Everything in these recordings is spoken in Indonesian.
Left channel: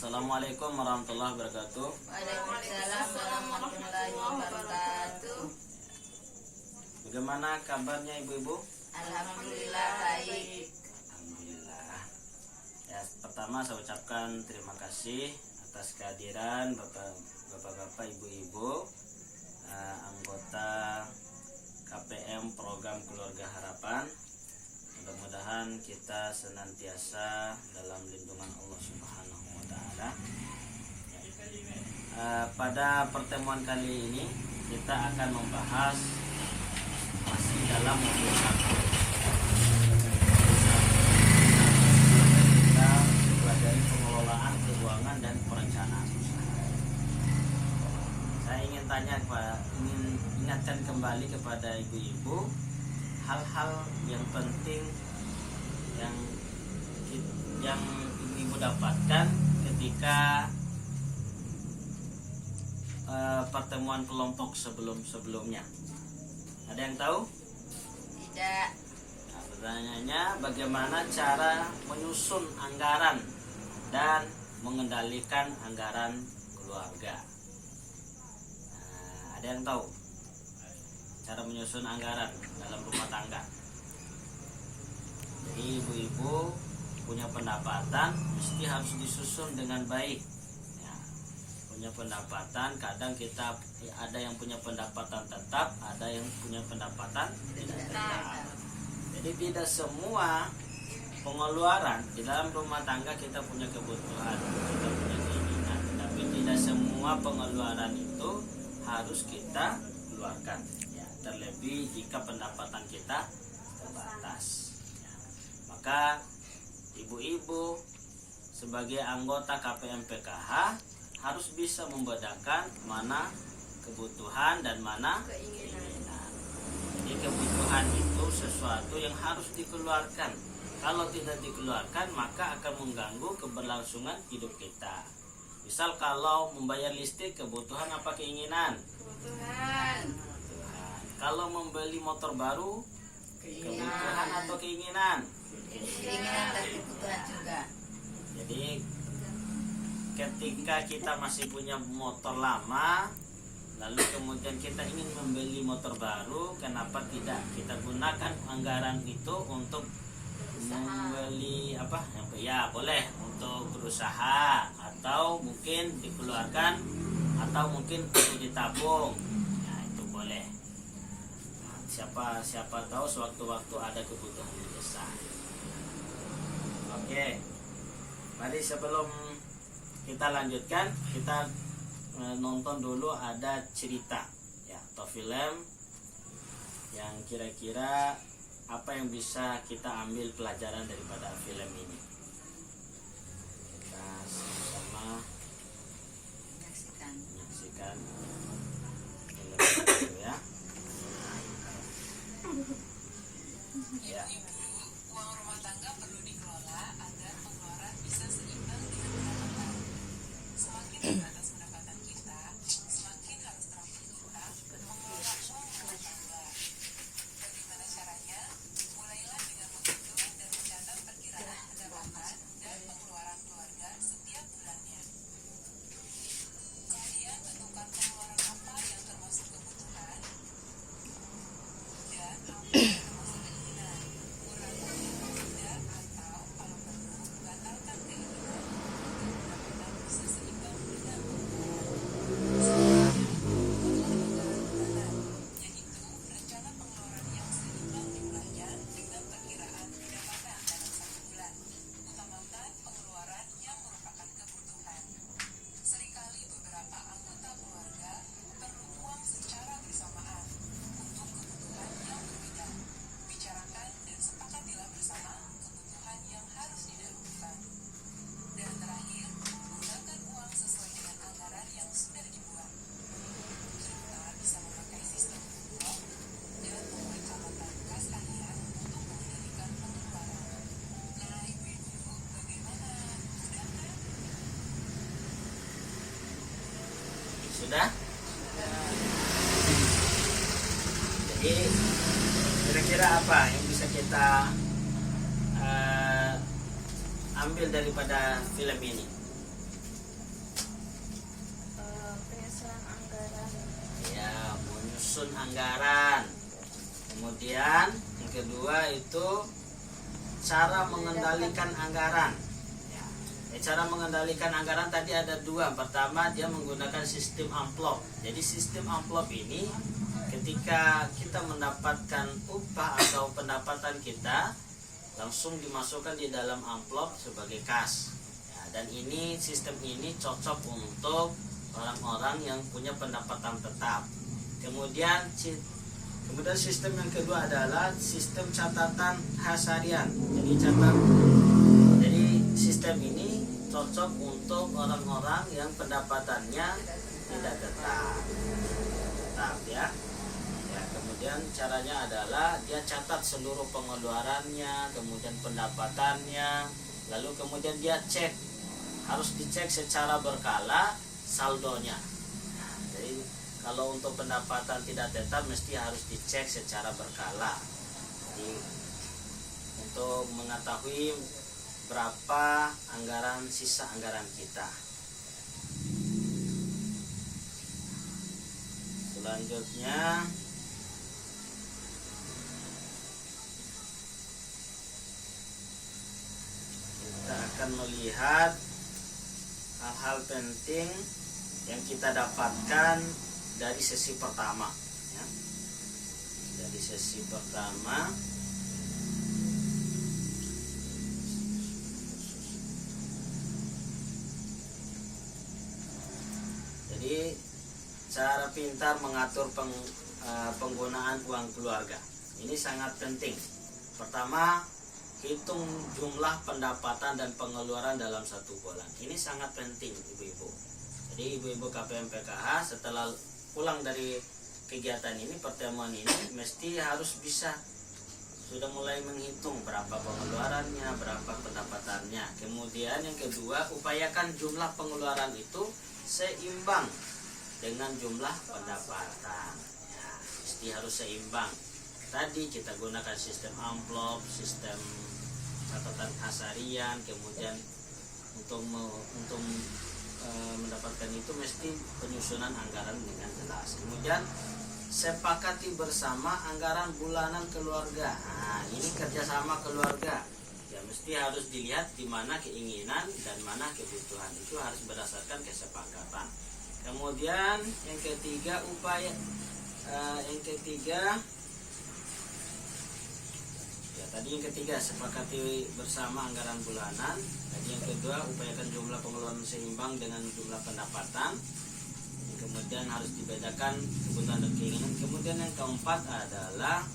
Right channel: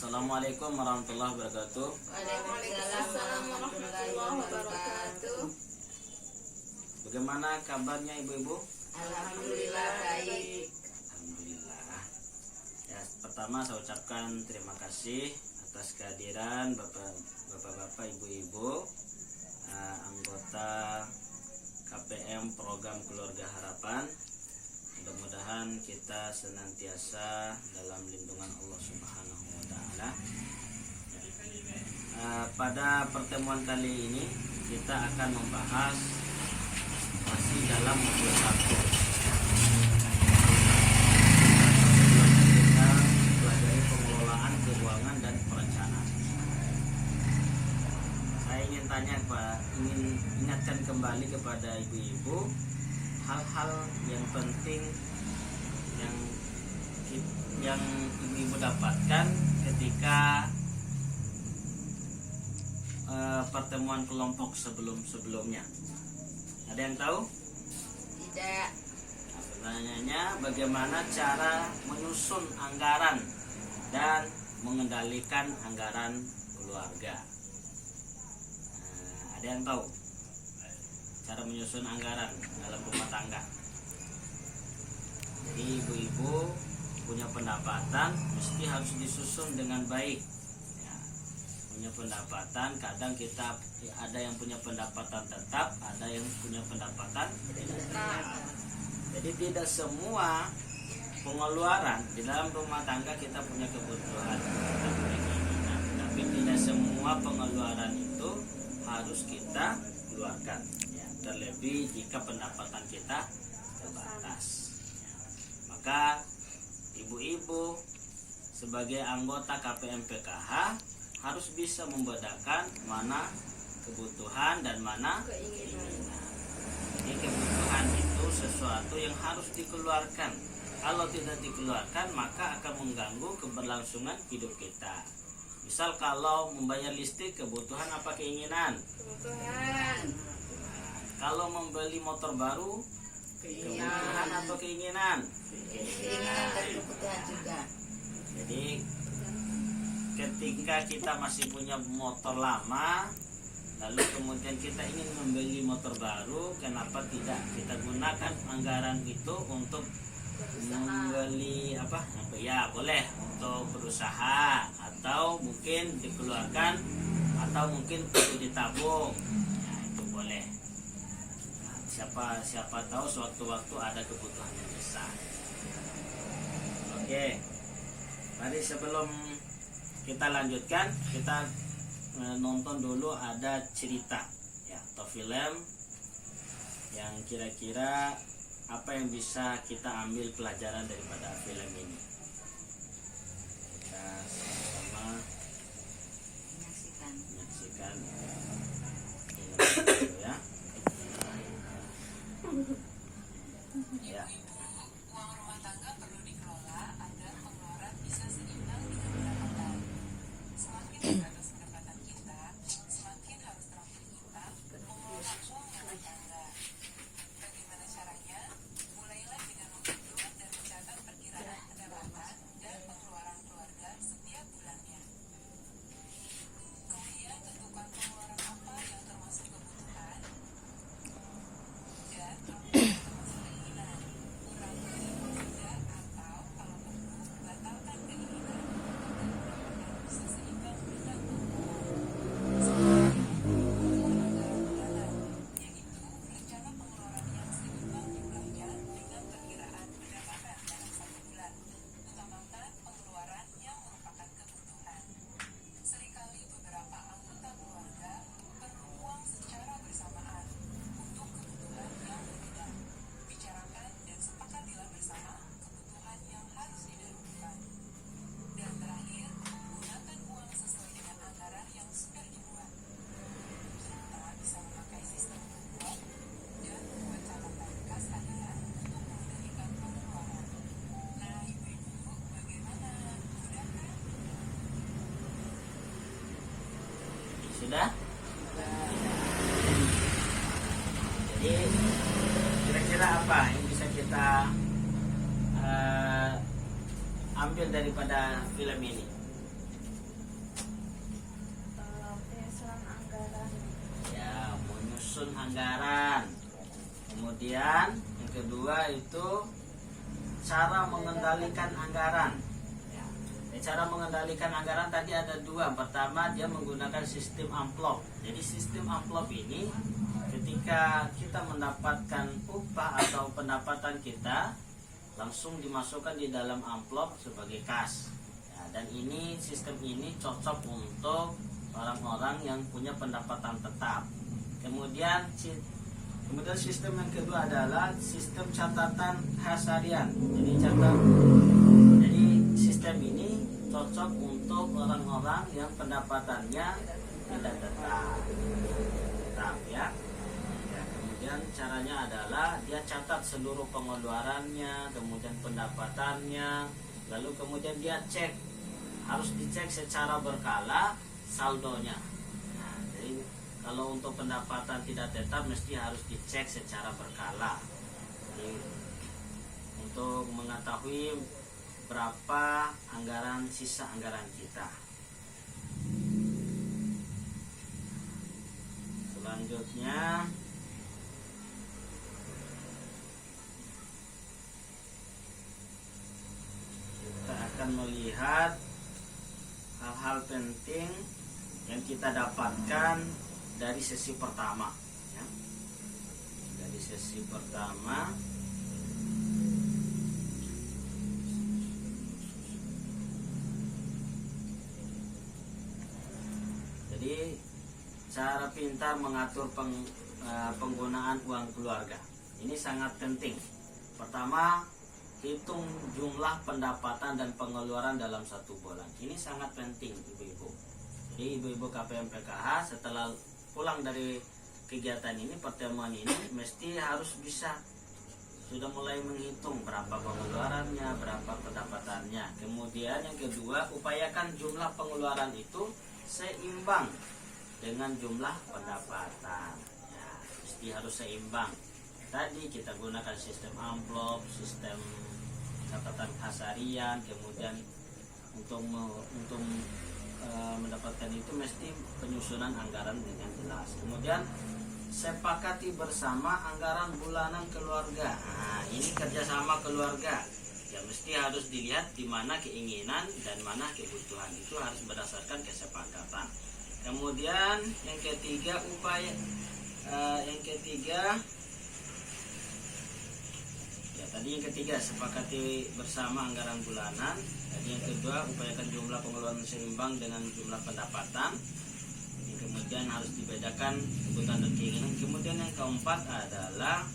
Assalamualaikum warahmatullahi wabarakatuh. Waalaikumsalam warahmatullahi wabarakatuh. Bagaimana kabarnya ibu-ibu? Alhamdulillah baik. Alhamdulillah. Ya, pertama saya ucapkan terima kasih atas kehadiran bapak-bapak, ibu-ibu, anggota KPM Program Keluarga Harapan. Mudah-mudahan kita senantiasa dalam lindungan Allah Subhanahu wa Ta'ala. Pada pertemuan kali ini kita akan membahas masih dalam modul 1. Kita pelajari pengelolaan keuangan dan perencanaan usaha. Saya ingin ingatkan kembali kepada ibu-ibu hal-hal yang penting yang ibu dapatkan ketika pertemuan kelompok sebelumnya. Ada yang tahu? Tidak. Nah, pertanyaannya bagaimana cara menyusun anggaran dan mengendalikan anggaran keluarga. Ada yang tahu cara menyusun anggaran dalam rumah tangga? Jadi ibu-ibu punya pendapatan mesti harus disusun dengan baik ya. Punya pendapatan, kadang kita ada yang punya pendapatan tetap, ada yang punya pendapatan tidak tetap. Jadi tidak semua pengeluaran di dalam rumah tangga kita punya kebutuhan, kita punya keinginan, tapi tidak semua pengeluaran itu harus kita keluarkan ya. Terlebih jika pendapatan kita terbatas ya. Maka ibu-ibu sebagai anggota KPM PKH harus bisa membedakan mana kebutuhan dan mana keinginan. Jadi kebutuhan itu sesuatu yang harus dikeluarkan. Kalau tidak dikeluarkan maka akan mengganggu keberlangsungan hidup kita. Misal kalau membayar listrik, kebutuhan apa keinginan? Kebutuhan. Kalau membeli motor baru, kebutuhan atau keinginan? Keinginan dan kebutuhan juga. Jadi ketika kita masih punya motor lama, lalu kemudian kita ingin membeli motor baru, kenapa tidak kita gunakan anggaran itu untuk membeli apa? Ya boleh untuk berusaha, atau mungkin dikeluarkan, atau mungkin untuk ditabung. Ya itu boleh. Siapa tahu sewaktu-waktu ada kebutuhan yang besar. Oke, mari sebelum kita lanjutkan, kita nonton dulu ada cerita ya, atau film yang kira-kira apa yang bisa kita ambil pelajaran daripada film ini. Kita sama-sama menyaksikan film itu ya. Ya. Uang rumah tangga perlu dikelola agar pengeluaran bisa seimbang dengan pendapatan. Semakin terbatas pendapatan kita, semakin harus terampil kita mengelola uang rumah tangga. Bagaimana caranya? Mulailah dengan menghitung dan mencatat perkiraan pendapatan dan pengeluaran keluarga setiap bulannya. Kemudian tentukan pengeluaran apa yang termasuk kebutuhan dan apa yang termasuk keinginan. Kurangi yang tidak, atau kalau perlu batalkan keinginan agar pendapatan bisa seimbang dengan pengeluaran. Selanjutnya, buatlah anggaran bulanan, yaitu rencana pengeluaran yang seimbang jumlahnya dengan perkiraan pendapatan dalam satu bulan. Utamakan pengeluaran yang merupakan kebutuhan. Seringkali beberapa anggota keluarga perlu uang secara bersamaan untuk kebutuhan yang berbeda. Bicarakan dan sepakatilah bersama kebutuhan yang harus didahulukan. Dan terakhir, gunakan uang sesuai dengan anggaran yang sudah dibuat. Kita bisa memakai sistem book dan membuat catatan kas harian untuk mengendalikan pengeluaran. Nah, ibu-ibu, bagaimana? Mudah kan? Sudah? Jadi kira-kira apa yang bisa kita ambil daripada film ini? menyusun anggaran. Kemudian yang kedua itu cara mengendalikan anggaran. Cara mengendalikan anggaran tadi ada dua. Pertama, dia menggunakan sistem amplop. Jadi sistem amplop ini ketika kita mendapatkan upah atau pendapatan kita, langsung dimasukkan di dalam amplop sebagai kas. Dan ini sistem ini cocok untuk orang-orang yang punya pendapatan tetap. Kemudian sistem yang kedua adalah sistem catatan harian. Jadi sistem ini cocok untuk orang-orang yang pendapatannya tidak tetap ya. Kemudian caranya adalah dia catat seluruh pengeluarannya, kemudian pendapatannya, lalu kemudian dia cek, harus dicek secara berkala saldonya. Jadi kalau untuk pendapatan tidak tetap mesti harus dicek secara berkala. Jadi untuk mengetahui berapa sisa anggaran kita. Selanjutnya kita akan melihat hal-hal penting yang kita dapatkan dari sesi pertama ya. Dari sesi pertama jadi cara pintar mengatur penggunaan uang keluarga ini sangat penting. Pertama, hitung jumlah pendapatan dan pengeluaran dalam satu bulan. Ini sangat penting ibu-ibu. Jadi ibu-ibu KPM PKH setelah pulang dari kegiatan ini, pertemuan ini, mesti harus bisa sudah mulai menghitung berapa pengeluarannya, berapa pendapatannya. Kemudian yang kedua, upayakan jumlah pengeluaran itu seimbang dengan jumlah pendapatan ya, mesti harus seimbang. Tadi kita gunakan sistem amplop, sistem catatan harian, kemudian untuk mendapatkan itu mesti penyusunan anggaran dengan jelas. Kemudian sepakati bersama anggaran bulanan keluarga. Nah, ini kerjasama keluarga ya, mesti harus dilihat di mana keinginan dan mana kebutuhan, itu harus berdasarkan kesepakatan. Kemudian yang ketiga yang ketiga sepakati bersama anggaran bulanan. Jadi yang kedua, upayakan jumlah pengeluaran seimbang dengan jumlah pendapatan. Kemudian harus dibedakan kebutuhan dan keinginan. Kemudian yang keempat adalah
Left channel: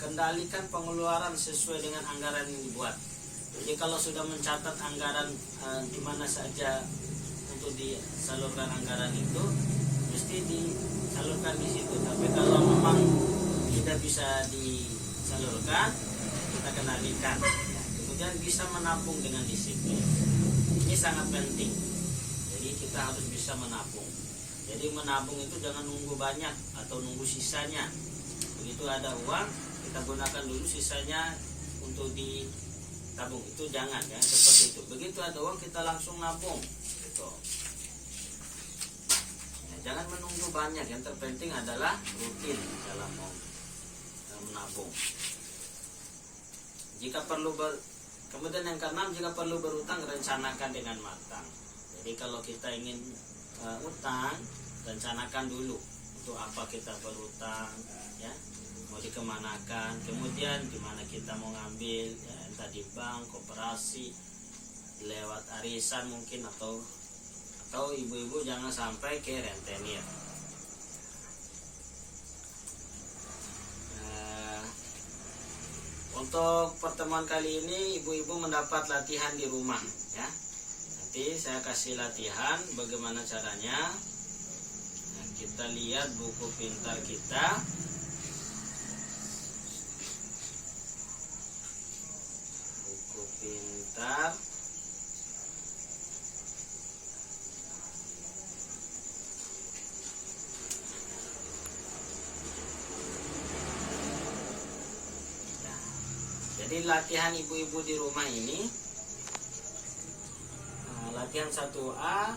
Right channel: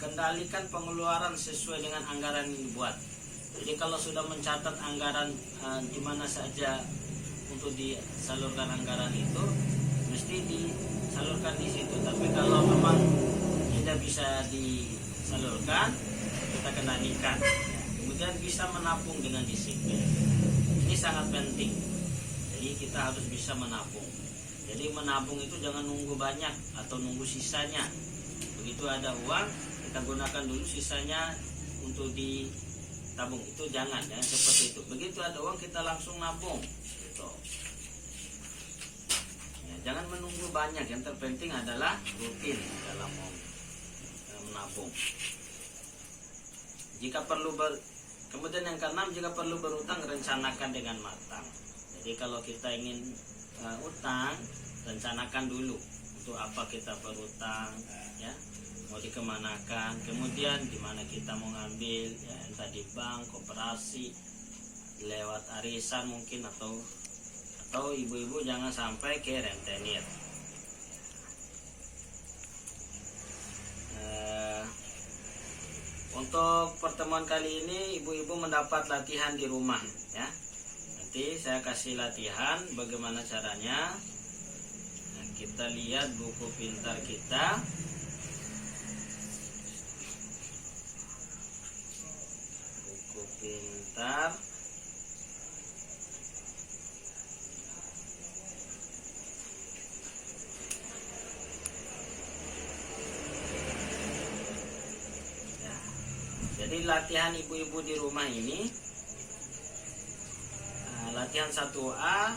kendalikan pengeluaran sesuai dengan anggaran yang dibuat. Jadi kalau sudah mencatat anggaran di mana saja untuk disalurkan anggaran itu, mesti disalurkan di situ. Tapi kalau memang tidak bisa disalurkan, kita kendalikan. Kemudian bisa menabung dengan disiplin. Ini sangat penting. Jadi kita harus bisa menabung. Jadi menabung itu jangan nunggu banyak atau nunggu sisanya. Begitu ada uang, kita gunakan dulu, sisanya untuk ditabung. Itu jangan seperti itu. Begitu ada uang, kita langsung nabung. Gitu. Ya, jangan menunggu banyak. Yang terpenting adalah rutin dalam menabung. Jika perlu kemudian yang keenam, jika perlu berutang, rencanakan dengan matang. Jadi kalau kita ingin utang, rencanakan dulu untuk apa kita berutang ya, mau dikemanakan, kemudian di mana kita mau ngambil ya, entah di bank, koperasi, lewat arisan mungkin, atau ibu-ibu jangan sampai ke rentenir. Untuk pertemuan kali ini ibu-ibu mendapat latihan di rumah ya. Nanti saya kasih latihan bagaimana caranya. Nah, kita lihat buku pintar kita. Buku pintar. Jadi latihan ibu-ibu di rumah ini, latihan 1A,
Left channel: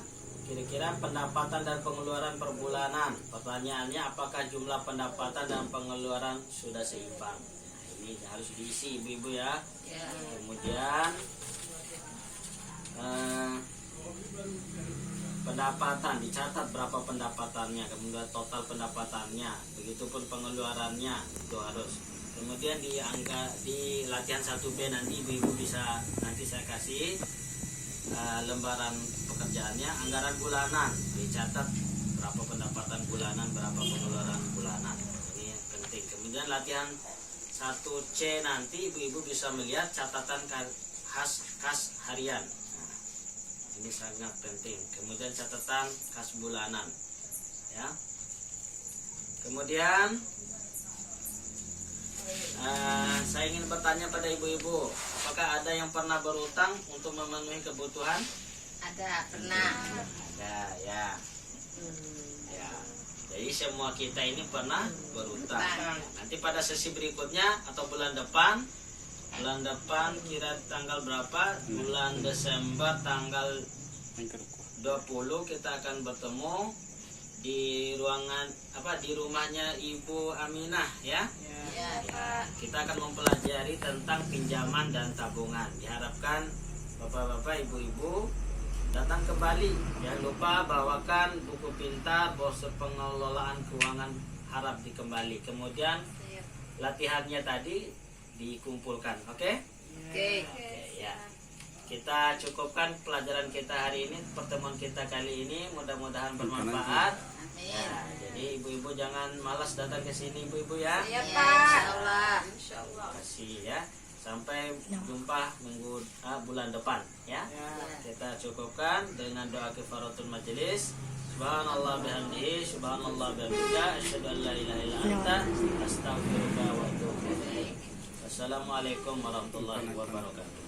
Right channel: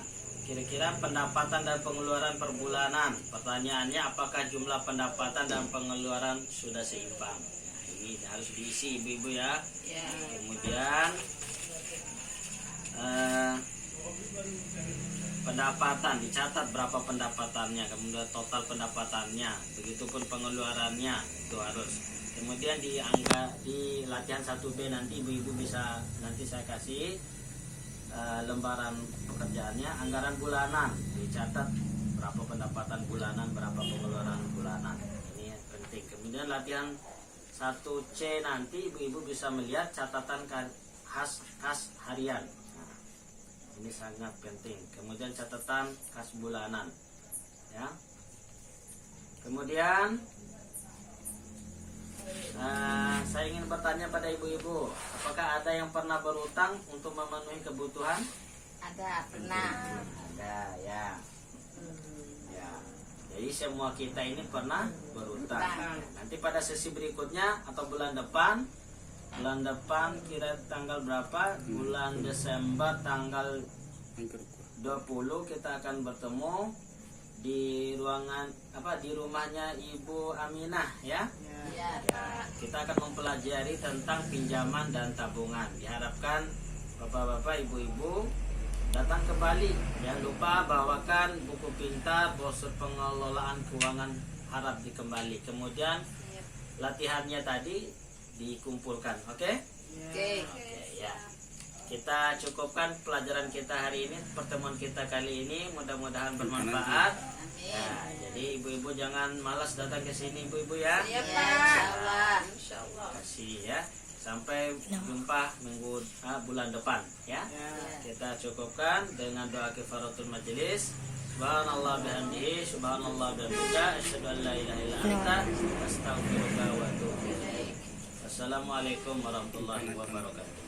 kira-kira pendapatan dan pengeluaran per bulanan. Pertanyaannya, apakah jumlah pendapatan dan pengeluaran sudah seimbang? Nah, ini harus diisi ibu-ibu ya. Ya. Kemudian pendapatan dicatat berapa pendapatannya, kemudian total pendapatannya, begitupun pengeluarannya itu harus. Kemudian di latihan 1B nanti ibu-ibu bisa, nanti saya kasih lembaran pekerjaannya, anggaran bulanan dicatat berapa pendapatan bulanan, berapa pengeluaran bulanan, ini penting. Kemudian latihan 1C nanti ibu-ibu bisa melihat catatan kas harian. Nah, ini sangat penting. Kemudian catatan kas bulanan ya. Kemudian saya ingin bertanya pada ibu-ibu, apakah ada yang pernah berutang untuk memenuhi kebutuhan? Ada, pernah. Ada ya. Ya. Jadi semua kita ini pernah berutang. Nanti pada sesi berikutnya atau bulan depan kira tanggal berapa? Bulan Desember tanggal 20 kita akan bertemu di ruangan di rumahnya Ibu Aminah ya. Ya. Ya, kita akan mempelajari tentang pinjaman dan tabungan. Diharapkan bapak-bapak, ibu-ibu datang kembali. Jangan lupa bawakan buku pintar, brosur pengelolaan keuangan harap dikembali. Kemudian latihannya tadi dikumpulkan, oke? Oke. Oke, ya. Kita cukupkan pelajaran kita hari ini, pertemuan kita kali ini, mudah-mudahan bermanfaat. Amin. Ya, jadi ibu-ibu jangan malas datang ke sini ibu-ibu ya. Ya, insyaallah. Terima kasih ya. Sampai jumpa bulan depan ya. Kita cukupkan dengan doa kifaratul majelis. Subhanallah bihamdihi, subhanallah bihamdika, asyhadu an la ilaha illa anta, astaghfiruka wa atubu ilaik. Wassalamualaikum warahmatullahi wabarakatuh.